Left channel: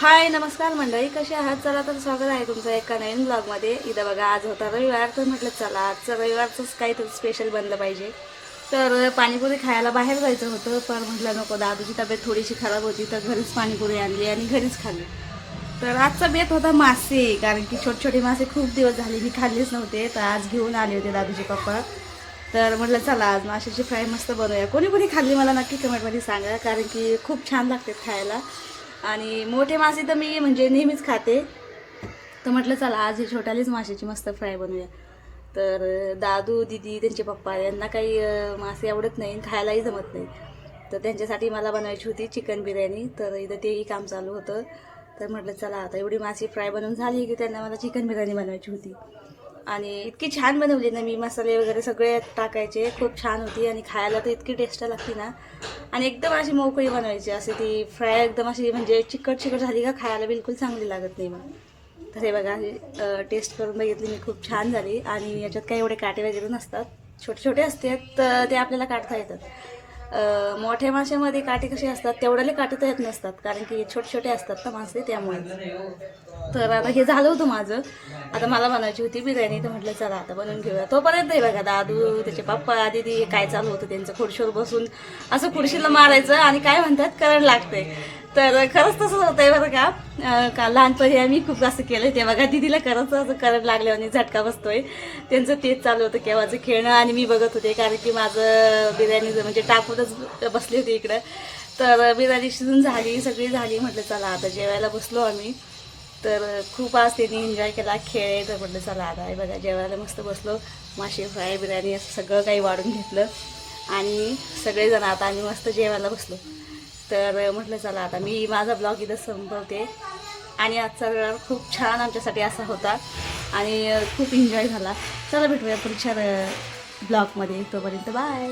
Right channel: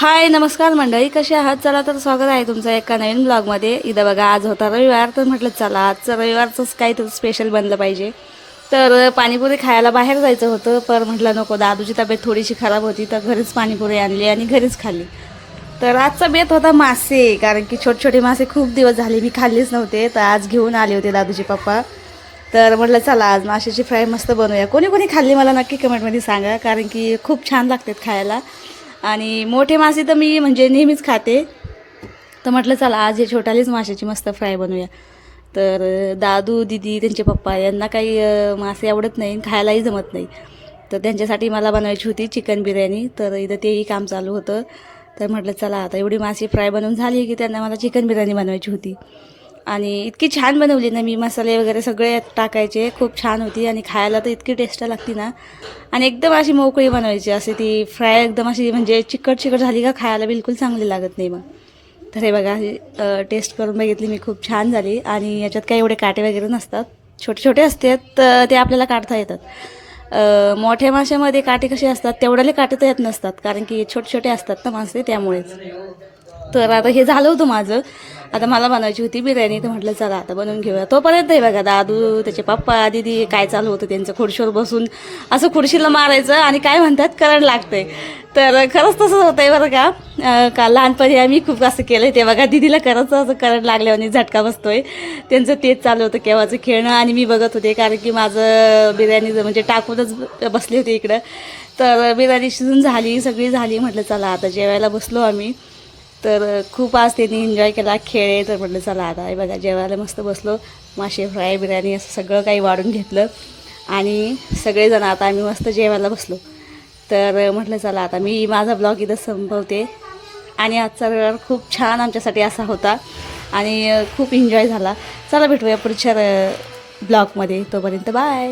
हाय नमस्कार मंडळी, कसे आहात? चला तर स्वागत आहे तुमचं एका नवीन ब्लॉगमध्ये. इथं बघा, आज होता रविवार, तर म्हटलं चला आजचं रविवारचंच काहीतरी स्पेशल बनलं पाहिजे. तर पाणीपुरी खायला बाहेर जायचं होतं, पण म्हटलं नको, दादूची तब्येत थोडीशी खराब होती, तर घरीच पाणीपुरी आणली आणि घरीच खाल्ली. तर आजचा बेत होता मासे, कारण की छोटे छोटे मासे खूप दिवस झाले मी खाल्लेच नव्हते, तर आज घेऊन आले होते दादूचे पप्पा. तर म्हटलं चला आज माशाची फ्राय मस्त बनवूया. कोणी कोणी खाल्ली मला नक्की कमेंटमध्ये सांगा, कारण की खूप छान लागतात खायला. आणि मोठे मासे तर मी म्हणजे नेहमीच खाते, तर म्हटलं चला आज हे छोट्यालीच माशाची मस्त फ्राय बनवूया. तर दादू दीदी त्यांचे पप्पा यांना काही मासे आवडत नाही, खायलाही जमत नाही. तर त्यांच्यासाठी मला बनवायची होती चिकन बिर्याणी, तर इथं तेही काम चालू होतं. तर म्हटलं चला आता एवढी मासे फ्राय बनवून झाली की त्यांना मला चिकन बिर्याणी बनवायची होती. आणि इतकी छान बनवली ना मी, मसाले वगैरे सगळे टाकायचे, खूप छान होती आणि खायला तर इतकी टेस्ट लागती ना. आणि एकदम अशी मोकळी बनवायची, असे ती फ्राय एकदम अशी म्हणजे चिकट चिकट झाली का खायला बिलकुल चांगली लागत नाही मग. तर हे बघा, टेस्ट करून बघितली मी, खूप छान झाली. आणि याच्यात काही एवढे काटे वगैरे नसतात, छोटे छोटे असतात, तर ते आपल्याला काढता येतात. मोठ्या माशामध्ये काटे कसे असतात तेवढ्याले काटे तर येत नसतात, कारण की छोटे छोटे असतात ना मासे, त्यामुळेच. तर आता हे झालं होतं माझं. आता मला बनवायची होती बिर्याणी, तर म्हटलं चला आता बनवून घेऊया. तोपर्यंत आहे बघा, दादू त्याचे पप्पा दीदी काय चालू होतं त्यांचं, खुर्शीवर बसून असं खुर्शीला मारायचं आणि काय म्हणतात करंट लागतंय. तर खरंच तसंच होतं आहे बरं का. का लहानपणी आम्ही खूप असं केलं ते बघा, दीदीला खरंच असं करंट लागल्यावर आणि झटका बसतोय. त्यांचं तेच चालू होतं केव्हाचं खेळणं, आणि मी बघत होते, कारण की माझं बिर्याणी म्हणजे टाकूनच बसले होते इकडं. तर बिर्याणी शिजून झाली, सगळी झाली, म्हटलं चला आता जेवायला बसलो आम्ही. तर खूप आज त्यांनी एन्जॉय केला, खेळ. तर म्हटलं चला आता हे बघा जेवायला मस्त बसलो. मासे फ्राय बिर्याणी असं सगळं काही वाढून घेतलं आणि सगळेजण आता आम्ही मस्त जेवायला बसलो. तर म्हटलं चला आता मी माझा ब्लॉग इथं संपवते. आणि आजचा रविवार खूप छान आमच्यासाठी असा होता आणि खूप एन्जॉय झाला. चला भेटूया पुढच्या ब्लॉगमध्ये, तोपर्यंत बाय.